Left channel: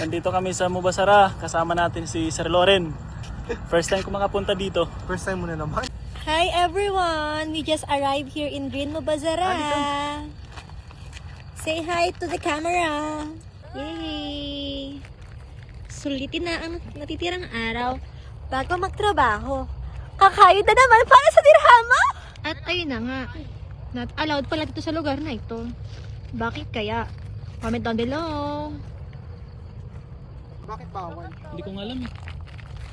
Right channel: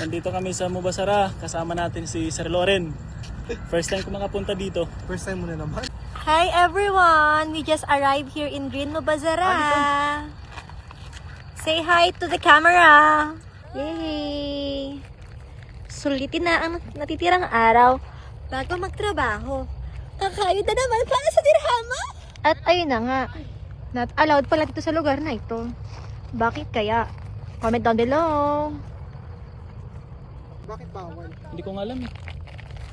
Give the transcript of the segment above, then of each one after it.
Nandito kami sa Mubasara, kasama natin si Sir Loren. First time ko makapunta dito. First time mo na naman. Hi everyone! We just arrived here in Green Mubasara. Say hi to the camera. Yay! Sulitin na ang natitirang araw bago magtrabaho. Kakayod na naman para sa dirhama! At ayun na nga, not allowed pala dito sa lugar na ito. Bakit kaya? Comment down below. Bakit bawal? Hindi ko nga alam eh.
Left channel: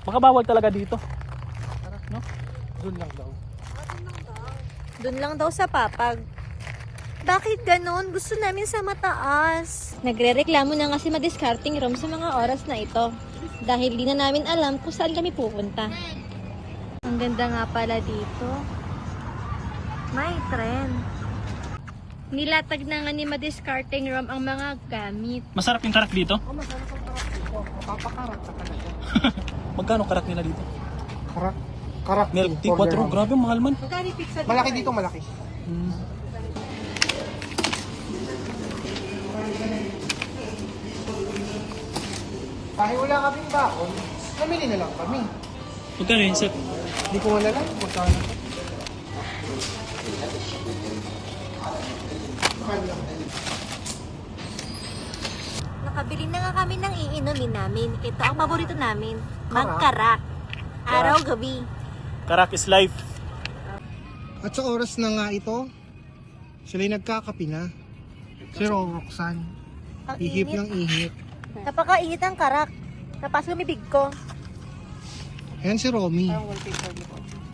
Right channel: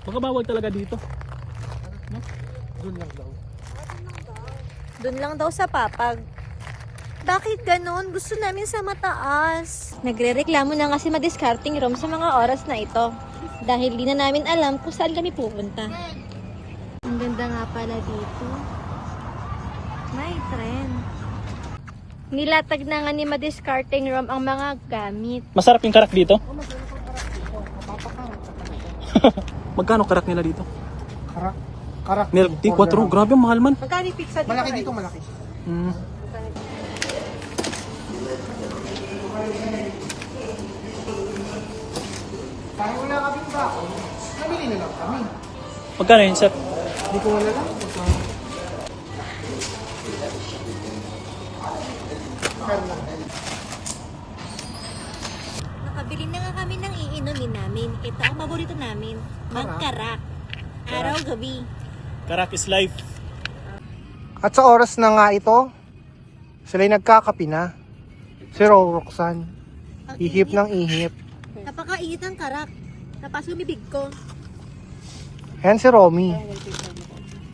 Baka bawal talaga dito. No? Doon lang daw. Doon lang daw sa papag. Bakit ganon? Gusto namin sa mataas. Nagre-reklamo na nga si Madiscarding Rom sa mga oras na ito. Dahil di na namin alam kung saan kami pupunta. Ang ganda nga pala dito. May trend. Nilatag na nga ni Madiscarding Rom ang mga gamit. Masarap yung karak dito? Oh, masarap ang karak dito. Mapapakarat sa kanila. Magkano karak nila dito? Karak? Karak. Milk tea, 4. Grabe, mahal man. Magkano pizza dito? Malaki dito, malaki. Mm. Dahil wala kaming bakon, namili na lang kami. Magkano yun, sir? Hindi ko wala lang. Magkano? Nakabili na nga kami ng iinumin namin. Ito ang paborito namin. Magkarak. Araw-gabi. Karak is life. At sa oras na nga ito, sila'y nagkakapi na. Si Roxanne. Ang Ihip init. ng ihip. Napakainit ang karak. Tapos lumibig ko. Ayan si Romy.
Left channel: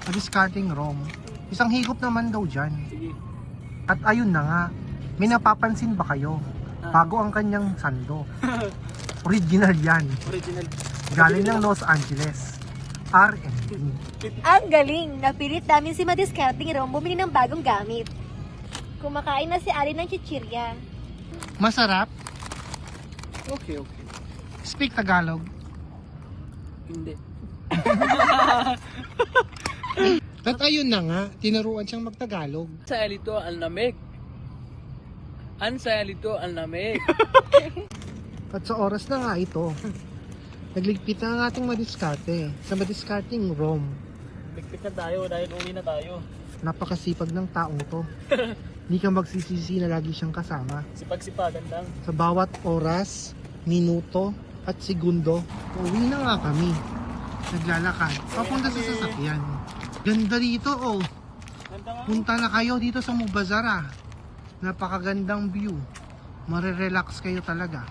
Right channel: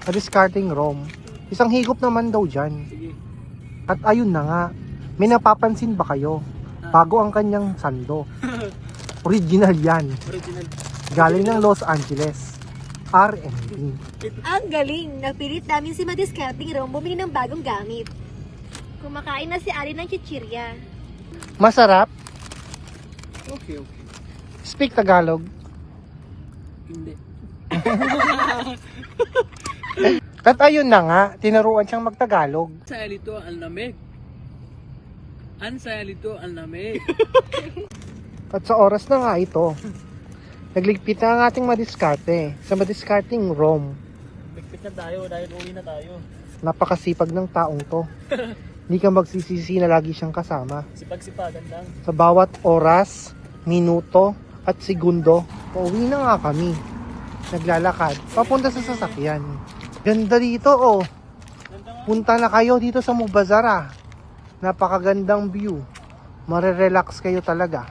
Discarding Rom. Isang higop naman daw dyan. At ayun na nga, may napapansin ba kayo? Bago ang kanyang sando. Original yan. Original. Galing ng Los Angeles. R&D. Ang galing! Napilit namin si Madiscarding Rom bumili ng bagong gamit. Kumakain na si Ari ng chichirya. Masarap. Okay, okay. Speak Tagalog. Hindi. At ayun na nga, tinuruan siyang magtagalog. Sa alito ang lamig. An sa alito ang lamig. At sa oras na nga ito, nagligpit na ang ating madiskarte sa Madiscarding Rom. Ligpit na tayo dahil uwi na tayo. Napakasipag ng taong to. Hindi ka magsisisi na lagi siyang kasama. Sipag-sipagan lang. Sa bawat oras, minuto, at segundo, pauwi na nga kami. Naglalakad, papunta sa sasakyan. Ganda dito oh. Ganda nga. Punta na kayo dito sa Mubasara. Napakagandang view. Marerelax kayo talaga.